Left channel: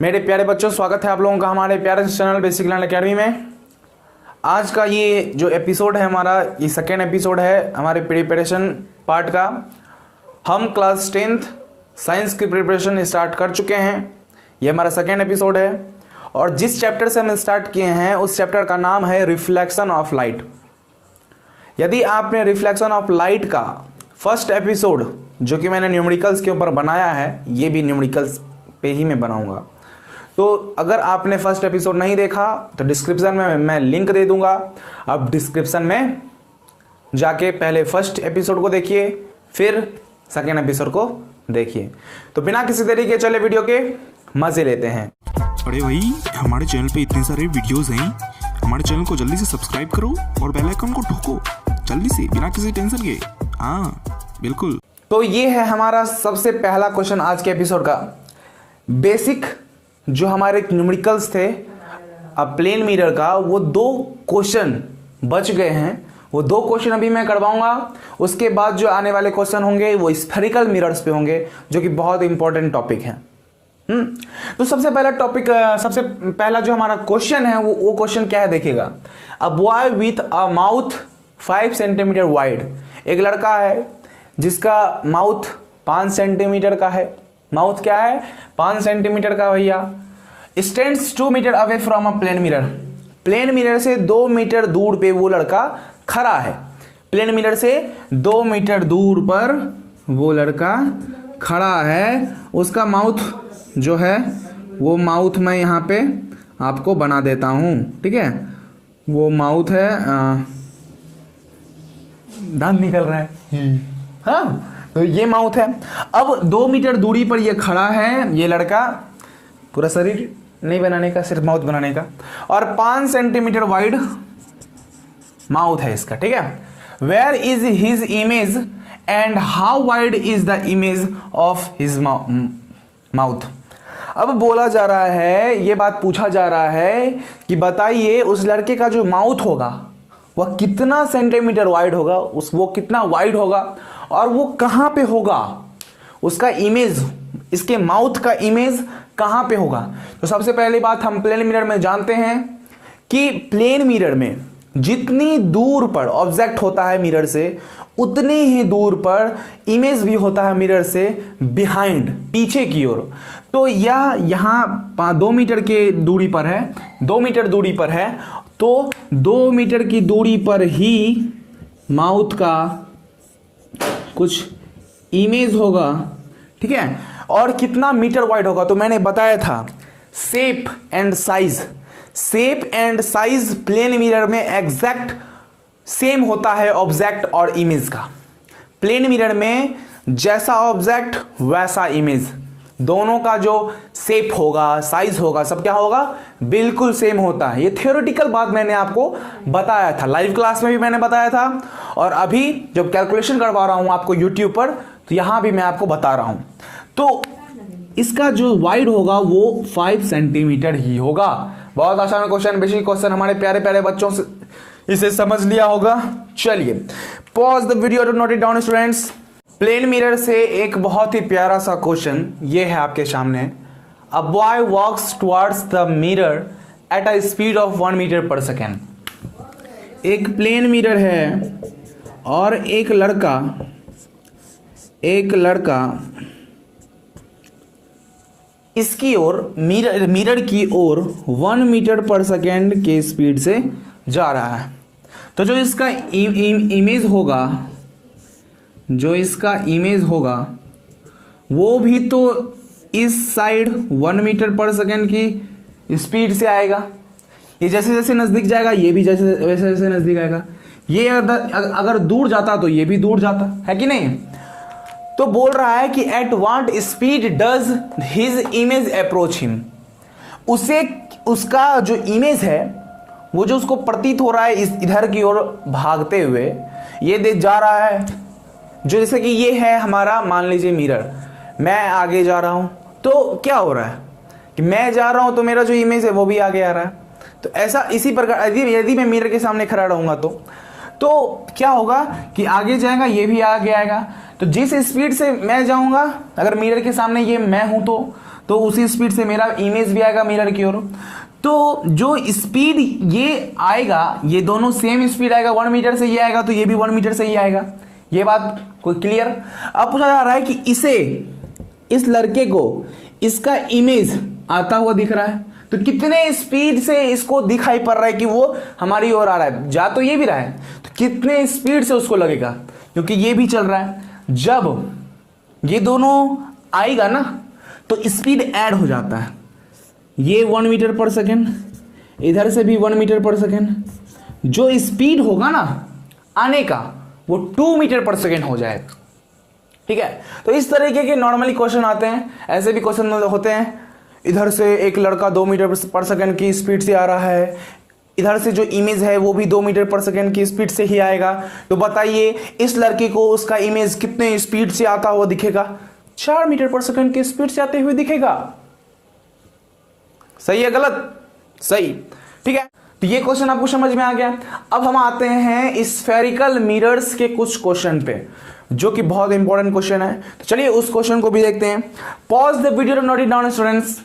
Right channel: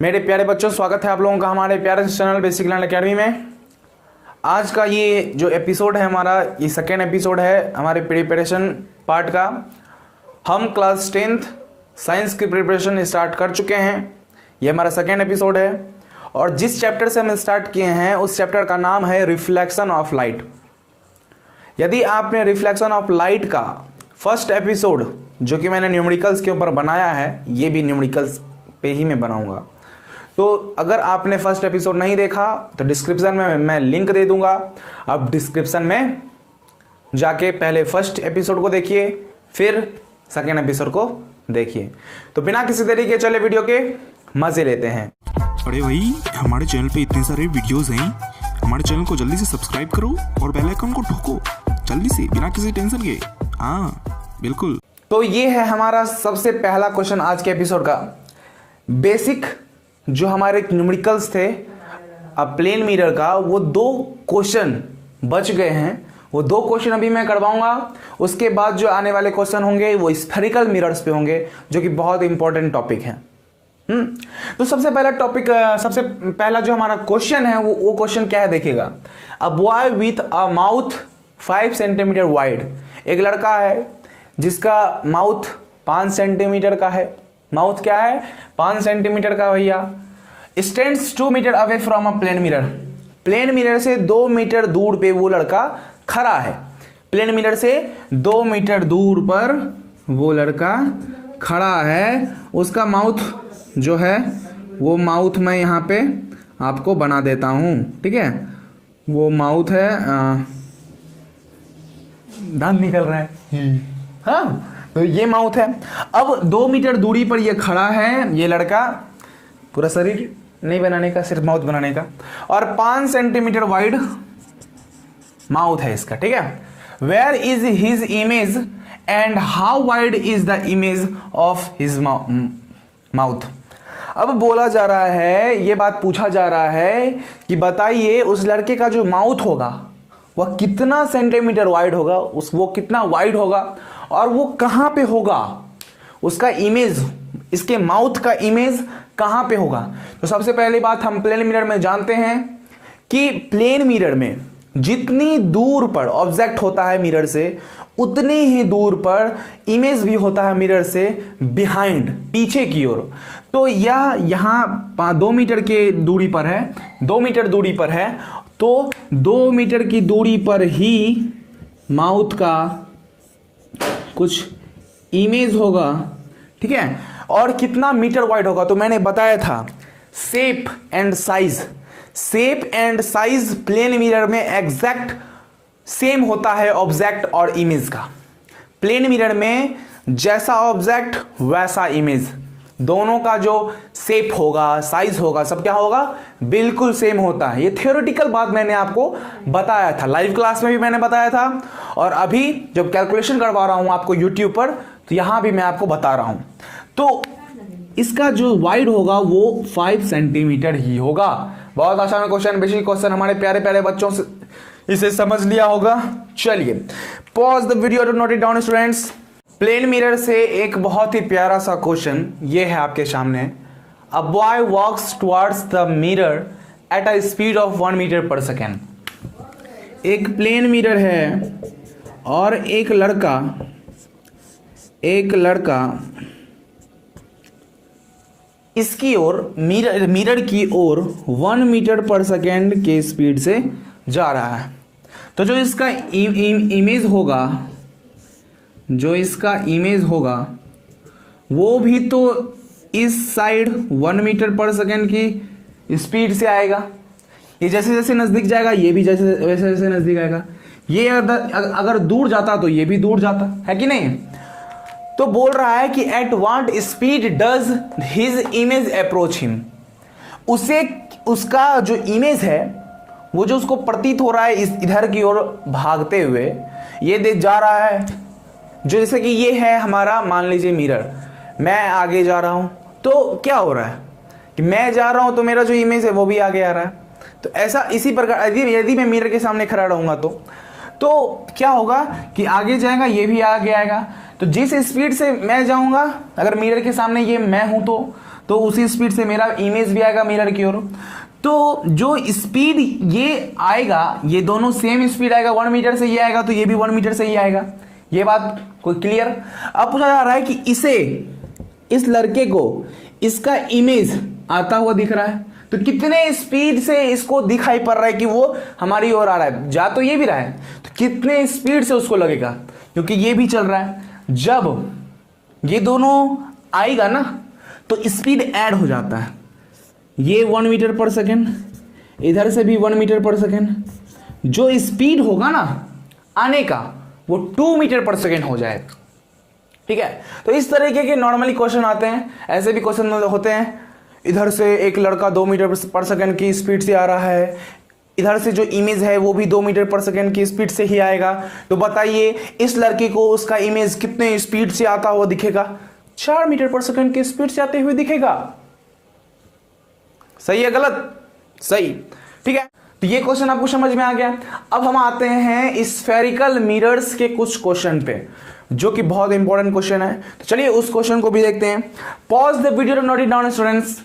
मेरे प्यारे बच्चों, स्वागत है आप लोगों का हमारे प्यारे से चैनल बेसिक लर्न अकेडमी में। आज का ये जो एपिसोड है हमारा, ये सेकेंड एपिसोड है हमारे प्रिपरेशन पार्ट का। हम क्लास 10th साइंस की प्रिपरेशन स्टार्ट कर चुके हैं। ये हमारा सेकेंड एपिसोड है और जिस चैप्टर से हम स्टार्ट किए हैं उस चैप्टर का नाम है रिफ्लेक्शन ऑफ लाइट। यदि आपने रिफ्लेक्शन ऑफ लाइट का फर्स्ट एपिसोड जो कि मैंने न्यूमेरिकल्स के ऊपर बनाया है, ये भी न्यूमेरिकल्स पे ही मैं बनाऊंगा, तो अगर आपने फर्स्ट एपिसोड नहीं देखा तो डिस्क्रिप्शन में मैं लिंक दे दूंगा। आप डिस्क्रिप्शन में जाके पहले फर्स्ट एपिसोड को देखिए, फिर सेकेंड एपिसोड को देखिए। तो बिना किसी देरी के चले वीडियो के मजे लेते हैं। अरे भाई, हमारे चैनल पे इतने सारे वीडियोस हैं, हमारे चैनल को जल्दी से सब्सक्राइब करो और बेल आइकन को ठोको जल्दी से, बिना किसी टेंशन के। हाँ बिल्कुल। तो ये है हमारा सबसे पहला क्वेश्चन आज के एपिसोड का। बेसिक जो हमारे न्यूमेरिकल्स थे प्लेन मिरर का, वो 2 क्वेश्चन बच गए हैं। वो 2 क्वेश्चन अभी मैं करवाऊंगा। उसके बाद जो आने वाले क्वेश्चन होंगे वो स्फेरिकल मिरर्स पे होंगे, जो कि बहुत इंपॉर्टेंट टॉपिक है। तो सबसे पहला टॉपिक, सबसे पहला जो हमारा क्वेश्चन है वो क्वेश्चन क्या है देखिएगा। A boy with a mouth 5 centimetre wide. एक लड़का है जिसका माउथ 5 सेंटीमीटर का है। माउथ क्या है? 5 सेंटीमीटर का भैया। Stands 2 metre away from a plane mirror. Plane mirror से 2 मीटर दूर पे वो लड़का खड़ा है। प्लेन मिरर से 2 मीटर दूर पर वो लड़का खड़ा है। उसका माउथ जो है वो माउथ मैं यहाँ पे आपको बना देता हूं, ठीक है। वो माउथ है, दांत निकल रहा है, हाँ, तो ये माउथ है। अब 2 मीटर दूरी पर ये खड़ा है ये लड़का, पूरा शरीर नहीं बनाने का, सिर्फ माउथ बनाने का, और 5 सेंटीमीटर वाइड माउथ है इसका, ठीक है। Where is his image and how wide is the image of his mouth. अब बोला जा रहा है, ये बात पूछा जा रहा है कि बताइए उस लड़के का जो माउथ होगा वह कितना सेंटीमीटर वाइड होगा, वो कितना वाइड होगा और वो कहां पे होगा, उसका इमेज, इसके माउथ का इमेज कहां पे होगा। तो सबसे पहली बात हम प्लेन मिरर में जानते हैं कि प्लेन मिरर में जितनी दूर पर ऑब्जेक्ट होता है मिरर से, उतनी ही दूर पर इमेज भी होता है मिरर से बिहाइंड, पीछे की ओर। तो यह यहां 2 मीटर के दूरी पर है, 2 मीटर दूरी पर है, तो 2 मीटर की दूरी पर ही माउथ का कुछ इमेज होगा, ठीक है। और कितना मीटर वाइड होगा, तो मैंने बताया था shape and size. Shape and size plane mirror में एग्जैक्ट सेम होता है ऑब्जेक्ट और इमेज का। प्लेन मिरर में जैसा ऑब्जेक्ट वैसा इमेज, दोनों का जो शेप होगा, साइज होगा, सब क्या होगा, बिल्कुल सेम होता है। ये थ्योरेटिकल बात मैंने आपको बताया था, लाइव क्लास में भी मैंने बताया था, और अभी जब कैलकुलेशन करवा रहा हूं आपको यूट्यूब पर, तो यहां भी मैं आपको बता रहा हूं। तो इसका जो वाइड होगा वो 5 सेंटीमीटर ही होगा। बहुत आसान क्वेश्चन, बेसिक क्वेश्चन, हमारे प्यारे प्यारे बच्चों से इसे समझ लिया होगा। चलिए pause the video to note it down students. Plane mirror से एक बहुत ही प्यारा सा क्वेश्चन ये है आपके सामने। A boy walks towards the mirror at a speed of 1 metre per second. एक प्लेन मिरर है और एक लड़का इसकी ओर, मिरर की ओर 1 मीटर पर सेकेंड के स्पीड से जा रहा है। तो जो इसका इमेज होगा वो भी तो इस साइड 1 मीटर पर सेकेंड की स्पीड से आएगा। ये जैसे जैसे नजदीक जाएगा, ये भी जैसे वैसे नजदीक आएगा। ये अगर दूर जाता तो ये भी दूर जाता, है कि नहीं। तो बोल रहा है कि at what speed does his image approach him. उसे, उसका जो इमेज है, वो जो उसको प्रतीत हो रहा है इधर की ओर भागते हुए, ये देख जा रहा है। जो जैसे कि ये है हमारा, मान लीजिए मिरर, मैं आगे जा रहा हूं, तो क्या हो रहा है कि मैं जा रहा हूं तो मेरा जो इमेज है वो भी आगे आ रहा है। तो ऐसा इसी प्रकार यदि मैं मिरर के सामने खड़ा रहूंगा तो क्या होगा कि आगे जाएगा, ये भी आगे आएगा। तो जिस स्पीड से मैं जाऊंगा, अगर मिरर के सामने ये मैं हूं तो तो उसी स्पीड से मेरा इमेज भी आएगा मिरर की ओर। तो जो स्पीड ये आएगा, ये दोनों सेम स्पीड आएगा, 1 मीटर से ये आएगा तो ये भी 1 मीटर से ही आएगा। ये बात कोई क्लियर? अब पूछा जा रहा है कि इसे, इस लड़के को इसका इमेज आता हुआ दिख रहा है, तो कितने स्पीड से इसको दिखाई पड़ रहा है कि वो हमारी ओर आ रहा है। जा तो ये भी रहा है, तो कितने स्पीड से उसको लगेगा, क्योंकि ये भी चल रहा है। जब ये दोनों आएगा ना तो स्पीड ऐड हो जाता है। ये 1 मीटर पर सेकेंड, इधर से भी 1 मीटर पर सेकेंड। जो स्पीड होगा ना आने का वो 2 मीटर पर सेकेंड हो जाएगा। ठीक है, तो इस तरीके के नॉर्मली क्वेश्चन आते हैं। ऐसे भी क्वेश्चन होते हैं, इधर से एक लड़का 2 मीटर पर सेकेंड की स्पीड से आ रहा है, इधर से जो इमेज है वो भी 2 मीटर पर सेकेंड की स्पीड से ही आएगा। तो बताइए इस लड़के को उसका इमेज कितने स्पीड से आता हुआ दिखेगा? 4 मीटर पर सेकेंड की स्पीड से आते हुए दिखेगा। सही है गलत? सही। ठीक है, तो ये क्वेश्चन आपको समझ में आ गया। अब हम आते हैं स्फेरिकल मिरर्स के कुछ क्वेश्चन पे, जो कि बहुत इंपॉर्टेंट क्वेश्चन है। तो चलिए उस क्वेश्चन को भी देखते हैं। Pause the video to note it down students.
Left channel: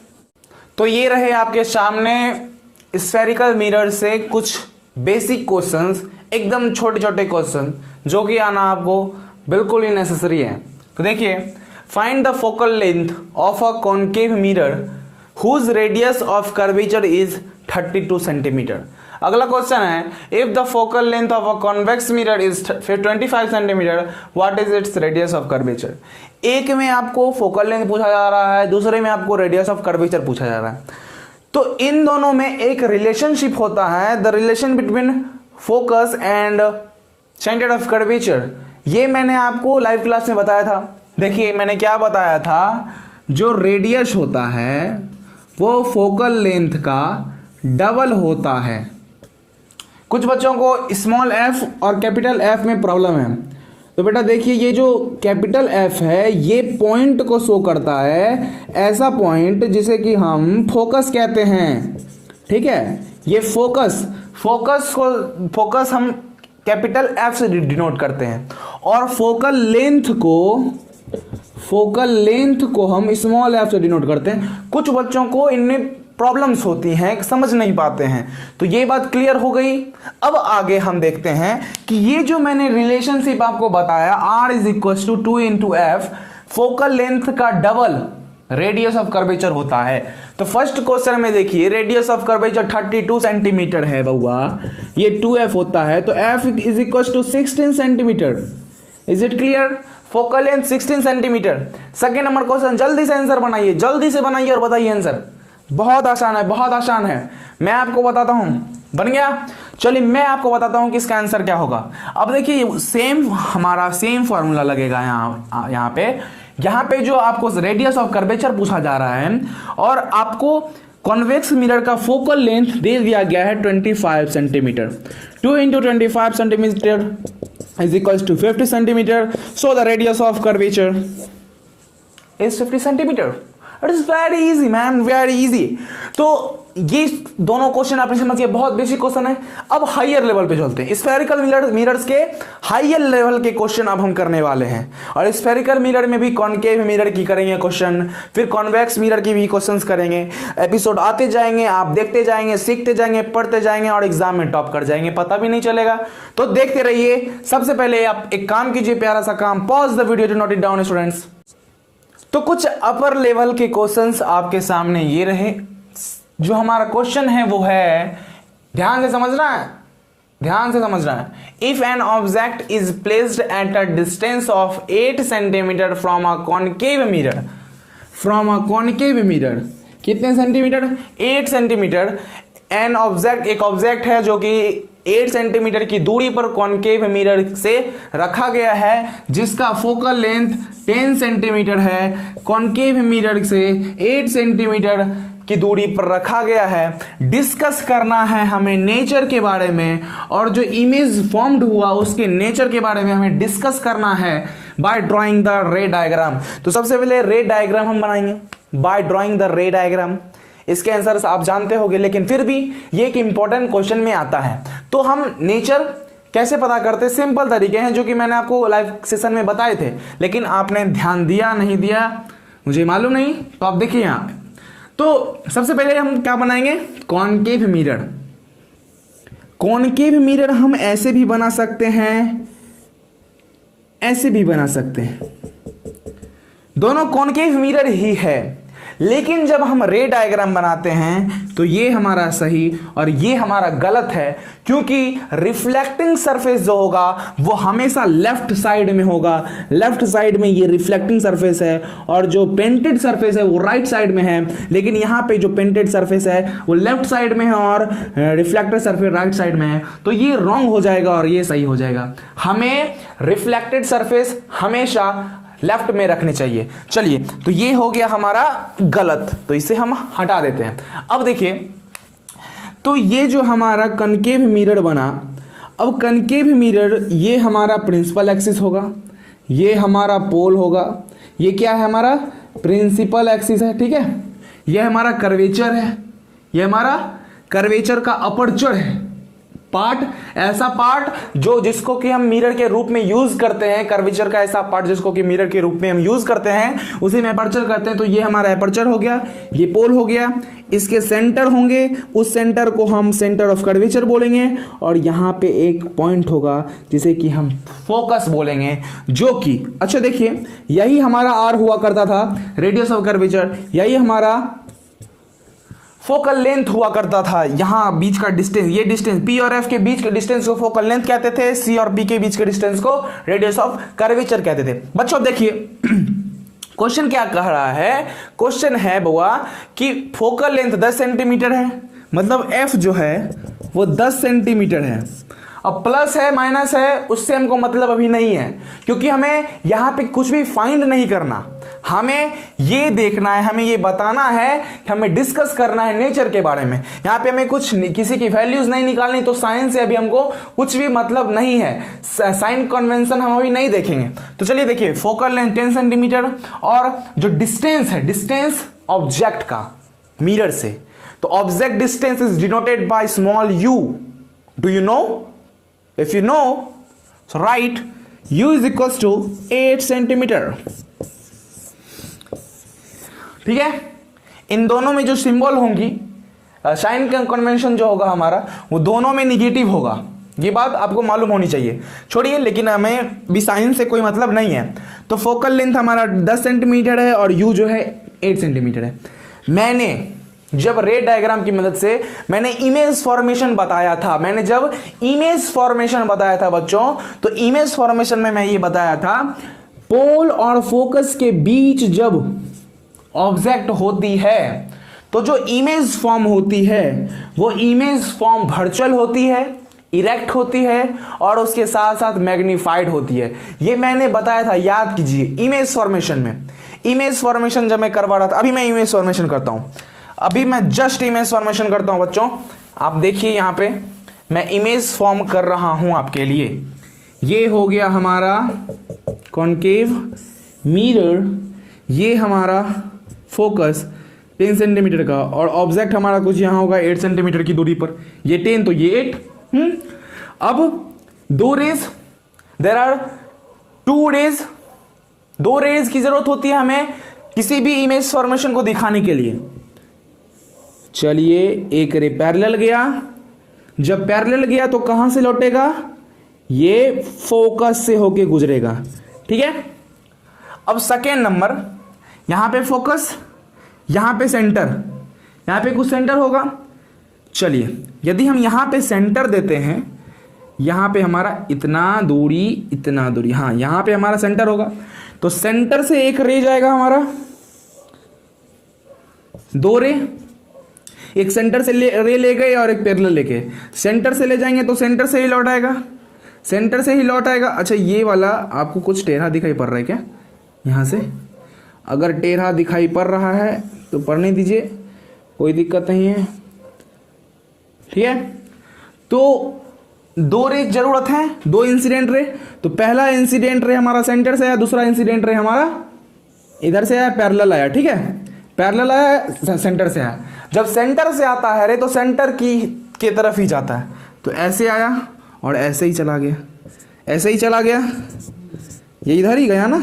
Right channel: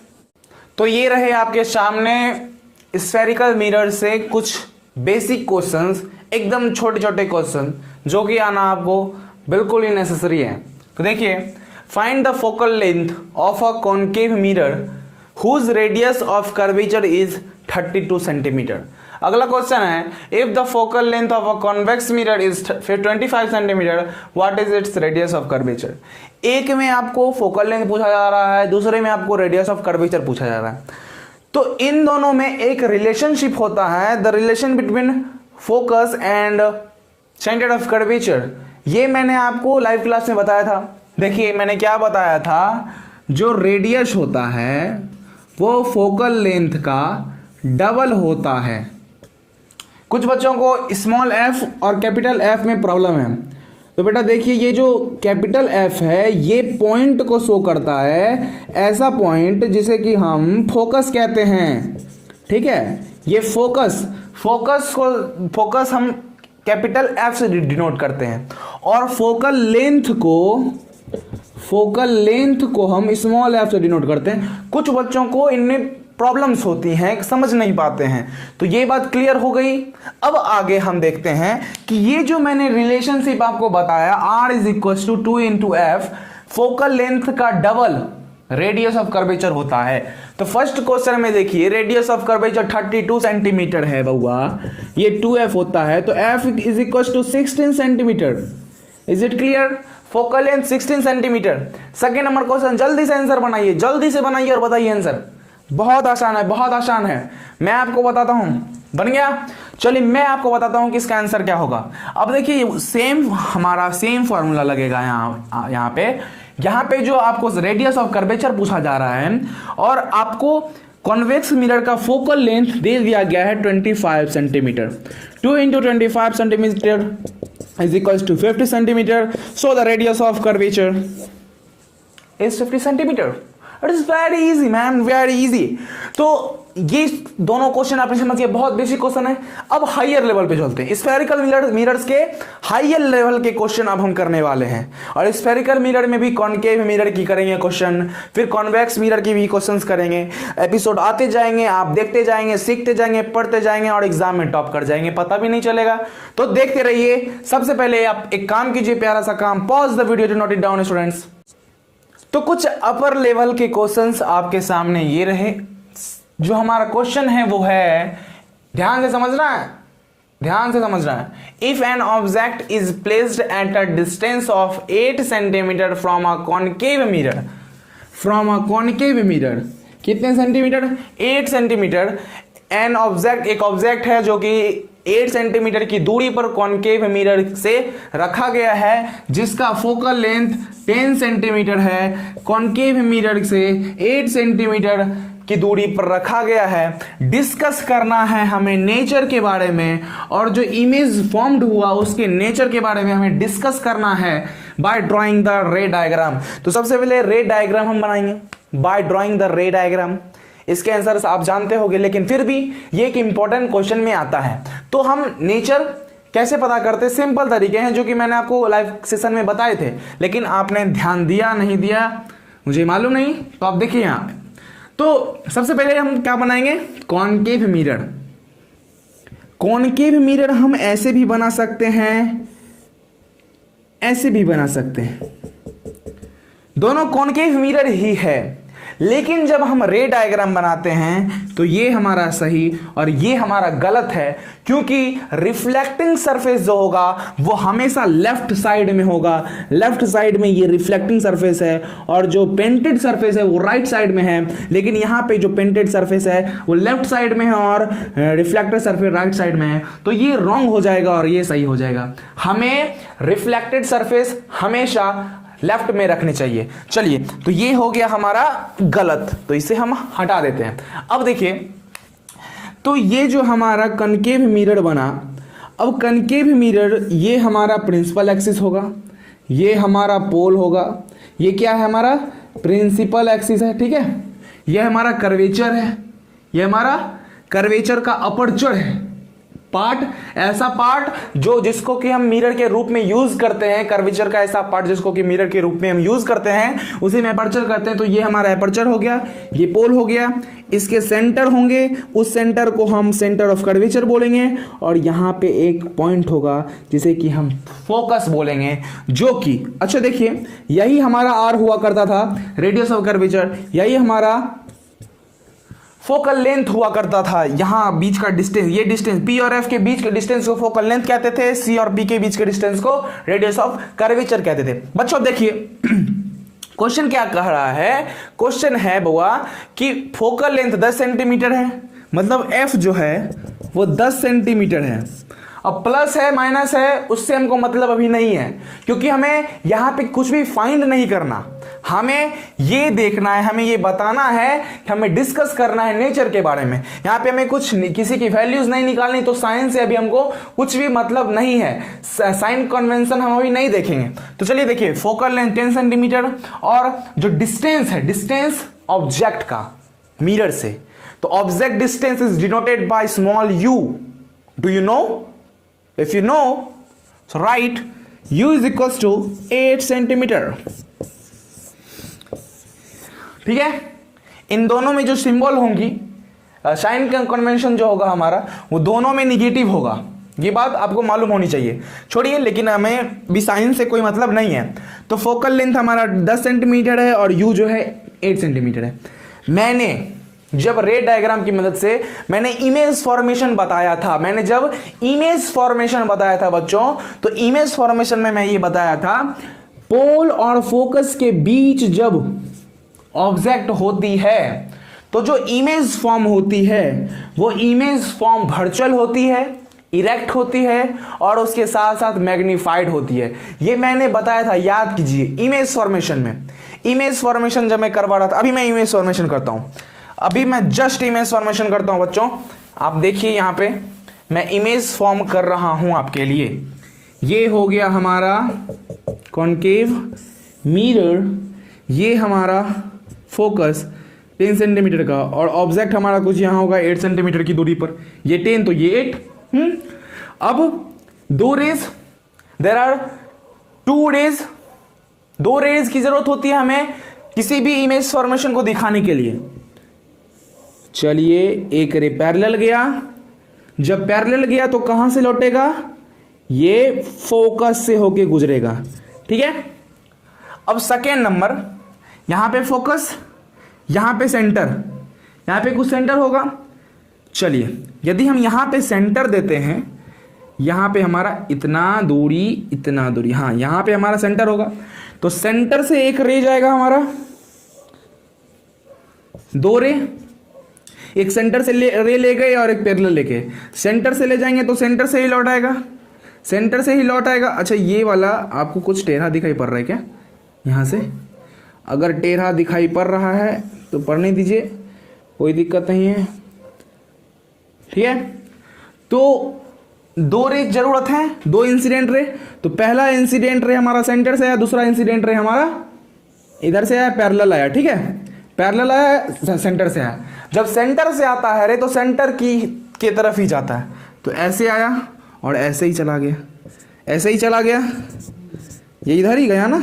तो ये रहे आपके सामने स्फेरिकल मिरर से कुछ बेसिक क्वेश्चंस, एकदम छोटे छोटे क्वेश्चन जो कि आना आपको बिल्कुल ही नेसेसरी है। तो देखिए, find the focal length of a concave mirror whose radius of curvature is 32 centimeter। अगला क्वेश्चन है, if the focal length of a convex mirror is 25 centimeter, what is its radius of curvature। एक में आपको focal length पूछा जा रहा है, दूसरे में आपको रेडियस ऑफ कर्वेचर पूछा जा रहा है। तो इन दोनों में एक रिलेशनशिप होता है, the relation between focus and centre of curvature. ये मैंने आपको लाइव क्लास में बताया था। देखिए मैंने क्या बताया था, जो रेडियस होता है वो फोकल लेंथ का डबल होता है। कुछ बच्चों को स्मॉल एफ और कैपिटल एफ में प्रॉब्लम है। तो बेटा देखिए, ये जो कैपिटल एफ है ये पॉइंट को शो करता है, ऐसा पॉइंट जिसे कि हम फोकस कहते हैं। ठीक है, ये फोकस हम कैपिटल एफ से डिनोट करते हैं, और फोकल लेंथ को हम स्मॉल एफ से डिनोट करते हैं। कुछ बच्चों को इनमें प्रॉब्लम्स होती हैं, समझ नहीं पाते हैं। तो ये बात क्लियर हो गई। अब आगे हम देखते हैं कि ये जो मैंने रिलेशनशिप आपको बताया, R is equal to 2 into F, focal length का डबल रेडियस ऑफ कर्वेचर होता है। तो फर्स्ट क्वेश्चन में देखिए, रेडियस ऑफ कर्वेचर 32 सेंटीमीटर है बउआ, ये 2f होता है, तो f is equal to 16 centimetre. Is it clear? Focal length 16 centimetre. Second number question, जल्दी से आंसर बनाइए, जल्दी से बनाइए और बताइए आंसर। बहुत आसान है, बहुत आसान है, मैं आपको बताता हूं। बन गया? चलिए मैं आपको बताता हूं कि इसका आंसर क्या होगा। अब देखिए हमारा सेम फॉर्मूला लगेगा यहाँ पे जो आपको रेडियस ऑफ कर्वेचर पूछा जा रहा है, और आपको कॉन्वेक्स मिरर का फोकल लेंथ दे दिया गया है 25 centimetre. 2 into 25 centimetre is equals to 50 centimeter, so the radius of curvature is 50 centimeter। It is very easy man, very easy। तो ये दोनों क्वेश्चन आपने समझिए, बहुत बेसिक क्वेश्चन है। अब हायर लेवल पे चलते हैं, स्फेरिकल मिरर्स के हायर लेवल के क्वेश्चन अब हम करने वाले हैं। और स्फेरिकल मिरर में भी कॉनकेव मिरर की करेंगे क्वेश्चन, फिर कॉन्वेक्स मिरर की भी क्वेश्चंस करेंगे। एपिसोड आते जाएंगे, आप देखते जाएंगे, सीखते जाएंगे, पढ़ते जाएंगे, और एग्जाम में टॉप कर जाएंगे, पता भी नहीं चलेगा। तो देखते रहिए। सबसे पहले आप एक काम कीजिए, प्यारा सा काम, pause the video to note it down students. तो कुछ अपर लेवल के क्वेश्चंस आपके सामने ये रहे। जो हमारा क्वेश्चन है वो है, ध्यान से समझना है, ध्यान से समझना है। If an object is placed at a distance of 8 centimetre from a concave mirror, कितने सेंटीमीटर? 8 सेंटीमीटर। एन ऑब्जेक्ट, एक ऑब्जेक्ट है जो कि 8 सेंटीमीटर की दूरी पर कॉनकेव मिरर से रखा गया है, जिसका फोकल लेंथ 10 सेंटीमीटर है, कॉनकेव मिरर से 8 सेंटीमीटर की दूरी पर रखा गया है। डिस्कस करना है हमें नेचर के बारे में, और जो इमेज फॉर्म्ड हुआ उसके नेचर के बारे में हमें डिस्कस करना है by drawing the ray diagram. तो सबसे पहले रे डायग्राम हम बनाएंगे by drawing the ray diagram. इसके आंसर आप जानते होंगे, लेकिन फिर भी ये एक इंपॉर्टेंट क्वेश्चन में आता है। तो हम नेचर कैसे पता करते, सिंपल तरीके हैं जो कि मैंने आपको लाइव सेशन में बताए थे, लेकिन आपने ध्यान दिया नहीं दिया मुझे मालूम नहीं, तो आप देखिए यहाँ। तो सबसे पहले हम क्या बनाएंगे, कॉनकेव मिरर। कॉनकेव मिरर हम ऐसे भी बना सकते हैं, ऐसे भी बना सकते हैं, दोनों कॉनकेव मिरर ही है। लेकिन जब हम रे डायग्राम बनाते हैं तो ये हमारा सही और ये हमारा गलत है, क्योंकि रिफ्लेक्टिंग सरफेस जो होगा वो हमेशा लेफ्ट साइड में होगा। लेफ्ट साइड में ये रिफ्लेक्टिंग सरफेस है और जो पेंटेड सरफेस है वो राइट साइड में है। लेकिन यहाँ पे जो पेंटेड सरफेस है वो लेफ्ट साइड में है और रिफ्लेक्टेड सरफेस राइट साइड में है, तो ये रॉन्ग हो जाएगा और ये सही हो जाएगा। हमें रिफ्लेक्टेड सरफेस हमेशा लेफ्ट में रखनी चाहिए। चलिए, तो ये हो गया हमारा गलत, तो इसे हम हटा देते हैं। अब देखिए, तो ये जो हमारा कनकेव मिरर बना, अब कनकेव मिरर ये हमारा प्रिंसिपल एक्सिस होगा, ये हमारा पोल होगा, ये क्या है हमारा प्रिंसिपल एक्सिस है, ठीक है। ये हमारा कर्वेचर है, ये हमारा कर्वेचर का अपर्चर है पार्ट, ऐसा पार्ट जो जिसको कि हम मिरर के रूप में यूज करते हैं। कर्वेचर का ऐसा पार्ट जिसको कि मिरर के रूप में हम यूज करते हैं, उसे में अपर्चर करते हैं। तो ये हमारा अपर्चर हो गया, ये पोल हो गया, इसके सेंटर होंगे, उस सेंटर को हम सेंटर ऑफ कर्वेचर बोलेंगे, और यहां पे एक पॉइंट होगा जिसे कि हम फोकस बोलेंगे, जो कि अच्छा देखिए, यही हमारा आर हुआ करता था, रेडियस ऑफ कर्वेचर, यही हमारा फोकल लेंथ हुआ करता था। यहां बीच का डिस्टेंस, ये डिस्टेंस पी और एफ के बीच के डिस्टेंस को फोकल लेंथ कहते थे, सी और बी के बीच के डिस्टेंस को रेडियस ऑफ कर्वेचर कहते थे। बच्चों देखिए, क्वेश्चन क्या कह रहा है, क्वेश्चन है बुआ कि फोकल लेंथ 10 सेंटीमीटर है, मतलब एफ जो है वो 10 सेंटीमीटर है। अब प्लस है माइनस है उससे हमको मतलब अभी नहीं है, क्योंकि हमें यहां पे कुछ भी फाइंड नहीं करना, हमें ये देखना है, हमें ये बताना है, हमें डिस्कस करना है नेचर के बारे में। यहाँ पे हमें कुछ किसी की वैल्यूज नहीं निकालनी, तो साइंस से अभी हमको कुछ भी मतलब नहीं है, साइन कन्वेंशन हम अभी नहीं देखेंगे। तो चलिए देखिए, फोकल लेंथ 10 सेंटीमीटर और जो डिस्टेंस है, डिस्टेंस ऑब्जेक्ट का मिरर से, तो object distance is denoted by small u। Do you know? If you know, so right u is equal to 8 centimetre. ठीक है, इन दोनों में जो सिंबल होंगी, साइन कन्वेंशन जो होगा हमारा, वो दोनों में निगेटिव होगा, ये बात आपको मालूम होनी चाहिए। छोड़िए, लेकिन हमें भी साइन से कोई मतलब नहीं है। तो फोकल लेंथ हमारा 10 सेंटीमीटर है और यू जो है 8 सेंटीमीटर है। मैंने जब रे डायग्राम की मदद से मैंने इमेज फॉर्मेशन बताया था, मैंने जब इमेज फॉर्मेशन बताया था बच्चों, तो इमेज फॉर्मेशन में मैं ये बताया था, पोल और फोकस के बीच जब ऑब्जेक्ट होती है तो जो इमेज फॉर्म होती है वो इमेज फॉर्म वर्चुअल होती है, इरेक्ट होती है और उसके साथ साथ मैग्नीफाइड होती है। ये मैंने बताया था, याद कीजिए। इमेज फॉर्मेशन में, इमेज फॉर्मेशन जब मैं करवा रहा था, अभी मैं इमेज फॉर्मेशन करता हूं, अभी मैं जस्ट इमेज फॉर्मेशन करता हूं बच्चों। आप देखिए, यहां पे मैं इमेज फॉर्म कर रहा हूं आपके लिए। ये हो गया हमारा कॉनकेव मिरर, ये हमारा फोकस 10 सेंटीमीटर का, और ऑब्जेक्ट हमारा कुछ यहां होगा 8 सेंटीमीटर की दूरी पर, ये 10 तो ये 8। अब दो rays, there are 2 rays, 2 rays की जरूरत होती है हमें किसी भी इमेज फॉर्मेशन को दिखाने के लिए। चलिए, एक रे पैरेलल गया, जब पैरेलल गया तो कहां से लौटेगा, ये फोकस से होके गुजरेगा। ठीक है, अब सेकेंड नंबर, यहां पे फोकस, यहां पे सेंटर, यहां पे कुछ सेंटर होगा। चलिए, यदि हम यहां पे सेंटर देते हैं, यहां पे हमारा इतना दूरी, हाँ यहां पे हमारा सेंटर होगा, तो सेंटर से एक रे जाएगा हमारा, 2 रे, एक सेंटर से रे ले गए और एक पैरेलल लेके, सेंटर से ले जाएंगे तो सेंटर से ही लौट आएगा, सेंटर से ही लौट आएगा। अच्छा, ये वाला आपको कुछ टेढ़ा दिखाई पड़ रहा है क्या? यहां से अगर टेढ़ा दिखाई पड़ रहा है तो पढ़ने दीजिए, कोई दिक्कत नहीं है। ठीक है, तो 2 रे जरूरत है, 2 इंसिडेंट रे। तो पहला इंसिडेंट रे हमारा सेंटर से आया, दूसरा इंसिडेंट रे हमारा इधर से आया, पैरेलल आया। ठीक है, पैरेलल आया, सेंटर से आया। जब सेंटर से आता है रे तो सेंटर की तरफ ही जाता है, तो ऐसे आया और ऐसे ही चला गया, ऐसे ही चला गया, ये इधर ही गया ना,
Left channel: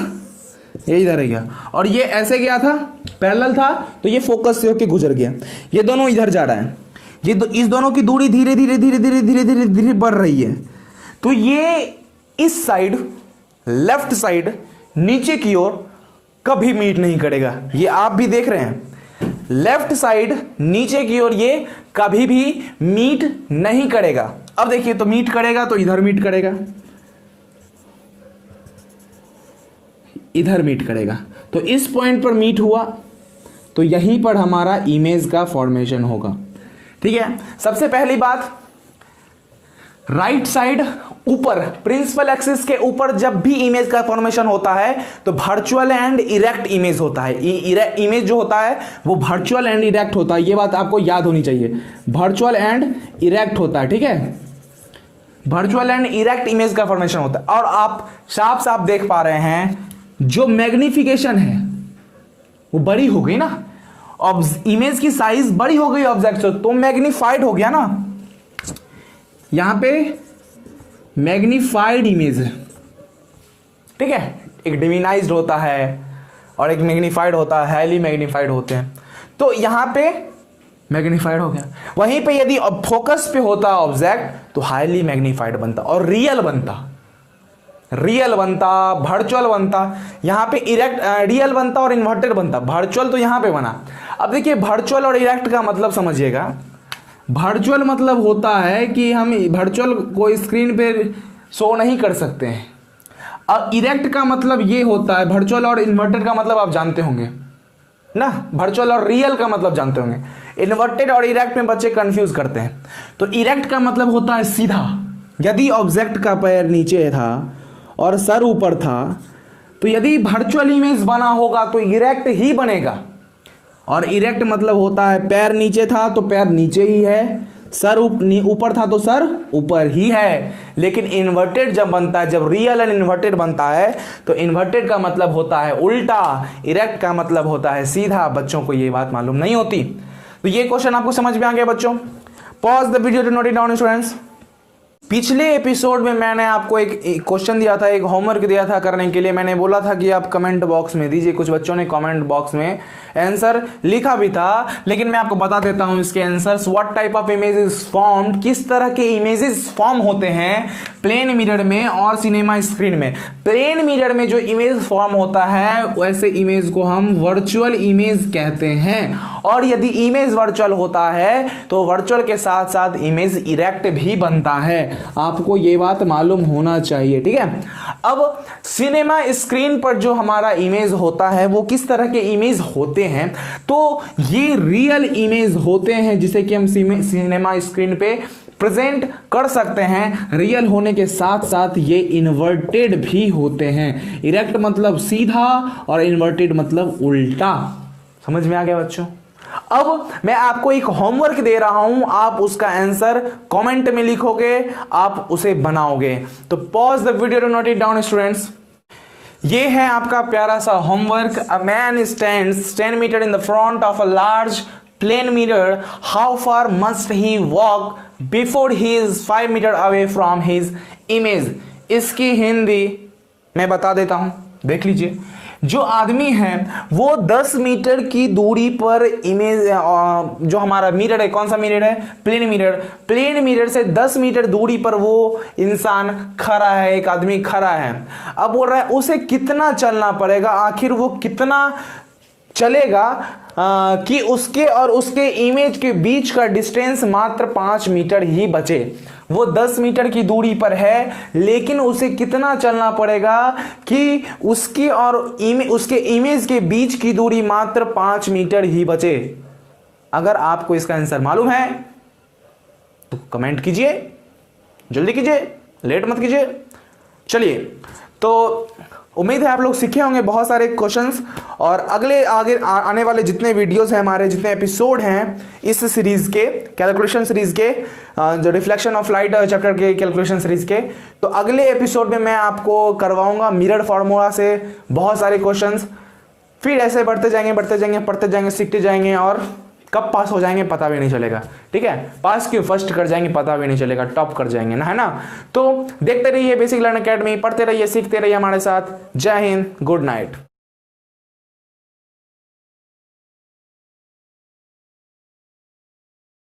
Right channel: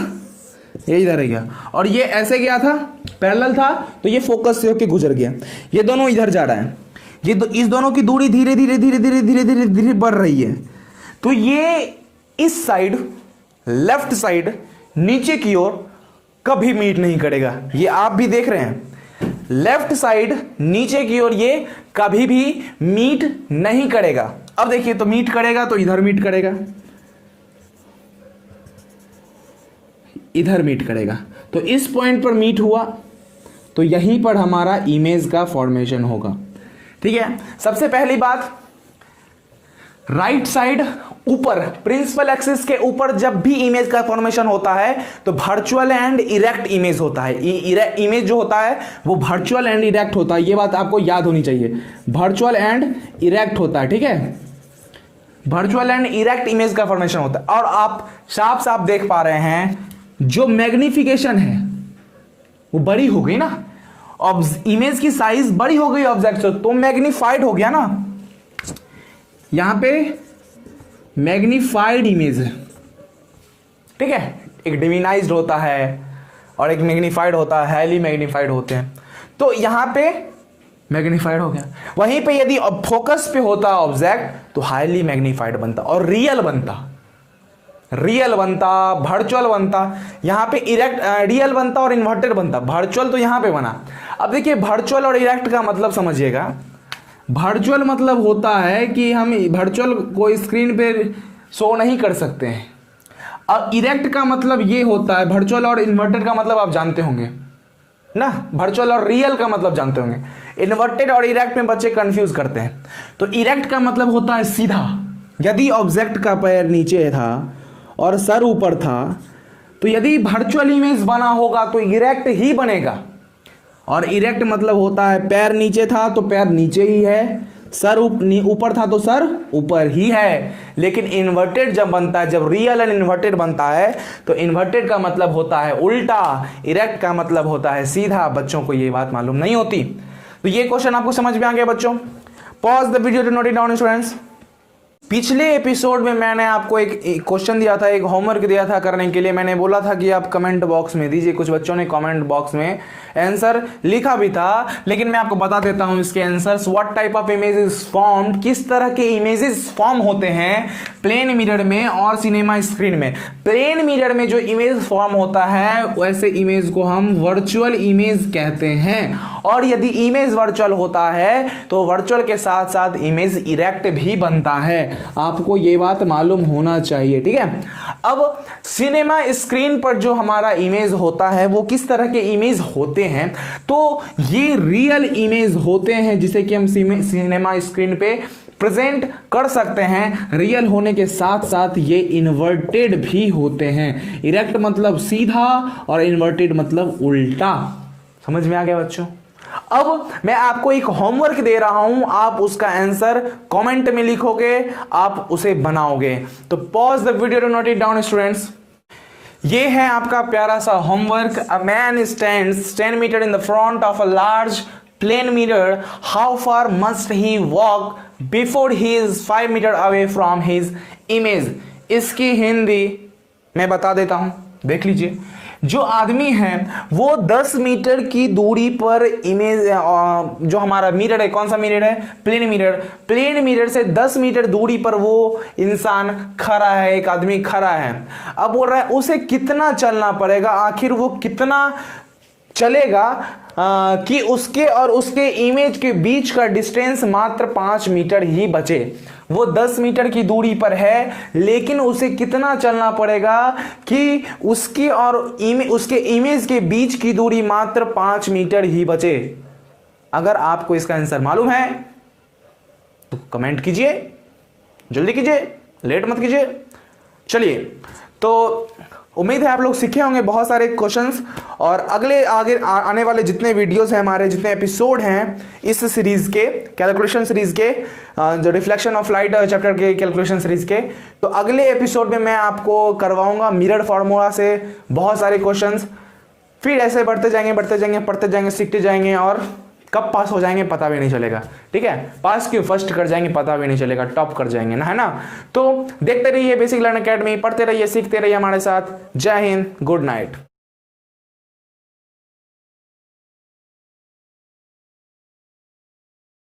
ये इधर ही गया। और ये ऐसे गया था, पैरेलल था, तो ये फोकस से होके गुजर गया, ये दोनों इधर जा रहा है, ये इस दोनों की दूरी धीरे धीरे धीरे धीरे धीरे धीरे धीरे बढ़ रही है। तो ये इस साइड, लेफ्ट साइड नीचे की ओर कभी मीट नहीं करेगा, ये आप भी देख रहे हैं, लेफ्ट साइड नीचे की ओर ये कभी भी मीट नहीं करेगा। अब देखिए, तो मीट करेगा तो इधर मीट करेगा, इधर मीट करेगा, तो इस पॉइंट पर मीट हुआ, तो यहीं पर हमारा इमेज का फॉर्मेशन होगा। ठीक है, सबसे पहली बात, राइट साइड ऊपर प्रिंसिपल एक्सिस के ऊपर जब भी इमेज का फॉर्मेशन होता है तो वर्चुअल एंड इरेक्ट इमेज होता है। इमेज जो होता है वो वर्चुअल एंड इरेक्ट होता है, ये बात आपको याद होनी चाहिए, वर्चुअल एंड इरेक्ट होता है। ठीक है, वर्चुअल एंड इरेक्ट इमेज का फॉर्मेशन होता है। और आप साफ साफ देख पा रहे हैं जो मैग्निफिकेशन है वो बड़ी हो गई ना, इमेज की साइज बड़ी हो गई ऑब्जेक्ट से, तो मैग्निफाइड हो गया ना, यहां पे मैग्निफाइड इमेज है। ठीक है, एक डिविनाइज्ड होता है और एक मैग्निफाइड होता है, हाईली मैग्निफाइड होते हैं, तो यहां पे मैग्निफाइड हो गया। वहीं पे यदि फोकस पे होता ऑब्जेक्ट तो हाईली मैग्निफाइड बनता और रियल बनता, वर्चुअल बनता, यहां पे इरेक्ट रियल बनता और इन्वर्टेड बनता, वर्चुअल तो यहां पे बना। अब देखिए, वर्चुअल और इरेक्ट का मतलब समझिएगा। वर्चुअल मतलब होता है कि हम वर्चुअल को स्क्रीन पे शो नहीं कर सकते हैं। अब इरेक्ट का मतलब ये होता है, वर्चुअल और इन्वर्टेड का मतलब आप जानते होंगे ना, वर्चुअल और रियल का मतलब जानते होंगे। इन्वर्टेड और इरेक्ट में बच्चे कंफ्यूज करते हैं। तो इरेक्ट का मतलब होता है सीधा, यदि ऑब्जेक्ट का पैर नीचे था और सर ऊपर था, तो यदि वर्चुअल इमेज बना होगा तो इरेक्ट ही बनेगा। और इरेक्ट मतलब होता है पैर नीचे था तो पैर नीचे ही है, सर ऊपर था तो सर ऊपर ही है। लेकिन इन्वर्टेड जब बनता है, जब रियल एंड इन्वर्टेड बनता है, तो इन्वर्टेड का मतलब होता है उल्टा, इरेक्ट का मतलब होता है सीधा। बच्चों को ये बात मालूम नहीं होती। तो ये क्वेश्चन आपको समझ में आ गया बच्चों? Pause the video to note it down students. पिछले एपिसोड में मैंने आपको एक क्वेश्चन दिया था, एक होमवर्क दिया था करने के लिए। मैंने बोला था कि आप कमेंट बॉक्स में दीजिए। कुछ बच्चों ने कमेंट बॉक्स में आंसर लिखा भी था, लेकिन मैं आपको बता देता हूं इसके answers. What type of images form, किस तरह के इमेजेस फॉर्म होते हैं प्लेन मिरर में और सिनेमा स्क्रीन में। प्लेन मिरर में जो इमेज फॉर्म होता है वैसे इमेज को हम वर्चुअल इमेज कहते हैं। और यदि इमेज वर्चुअल होता है तो वर्चुअल के साथ साथ इमेज इरेक्ट भी बनता है। आपको ये बात मालूम होना चाहिए, ठीक है। अब सिनेमा स्क्रीन पर जो हमारा इमेज होता है वो किस तरह के इमेज होते हैं, तो ये रियल इमेज होते हैं जिसे कि हम सिनेमा स्क्रीन पे प्रेजेंट कर सकते हैं। रियल होने के साथ साथ ये इन्वर्टेड भी होते हैं। इरेक्ट मतलब सीधा और इन्वर्टेड मतलब उल्टा। समझ में आ गया बच्चों? अब मैं आपको एक होमवर्क दे रहा हूं, आप उसका आंसर कमेंट में लिखोगे, आप उसे बनाओगे। तो pause the video to note it down students. ये है आपका प्यारा सा homework. A man stands 10 metre in the front of a large plane mirror. How far must he walk before he is 5 metre away from his image. इसकी हिंदी मैं बता देता हूं, देख लीजिए। जो आदमी है वो 10 मीटर की दूरी पर इमेज, जो हमारा मिरर है, कौन सा मिरर है? Plane mirror. प्लेन मिरर से 10 मीटर दूरी पर वो इंसान खड़ा है, एक आदमी खड़ा है। अब बोल रहा है उसे कितना चलना पड़ेगा, आखिर वो कितना चलेगा कि उसके और उसके इमेज के बीच का डिस्टेंस मात्र 5 मीटर ही बचे। वो 10 मीटर की दूरी पर है, लेकिन उसे कितना चलना पड़ेगा कि उसकी और उसके इमेज के बीच की दूरी मात्र 5 मीटर ही बचे। अगर आपको इसका आंसर मालूम है तो कमेंट कीजिए, जल्दी कीजिए, लेट मत कीजिए। चलिए, तो उम्मीद है आप लोग सीखे होंगे बहुत सारे क्वेश्चंस। और अगले आगे आने वाले जितने वीडियोस हैं, हमारे जितने एपिसोड हैं इस सीरीज के, कैलकुलेशन सीरीज के, जो रिफ्लेक्शन ऑफ लाइट चैप्टर के कैलकुलेशन सीरीज के, तो अगले एपिसोड में मैं आपको करवाऊंगा मिरर फार्मूला से बहुत सारे क्वेश्चंस। फिर ऐसे बढ़ते जाएंगे, पढ़ते जाएंगे, सीखते जाएंगे, और कब पास हो जाएंगे पता भी नहीं चलेगा, ठीक है। पास क्यों, फर्स्ट कर जाएंगे पता भी नहीं चलेगा, टॉप कर जाएंगे ना, है ना। तो देखते रहिए बेसिक लर्न अकेडमी, पढ़ते रहिए, सीखते रहिए हमारे साथ। जय हिंद, गुड नाइट।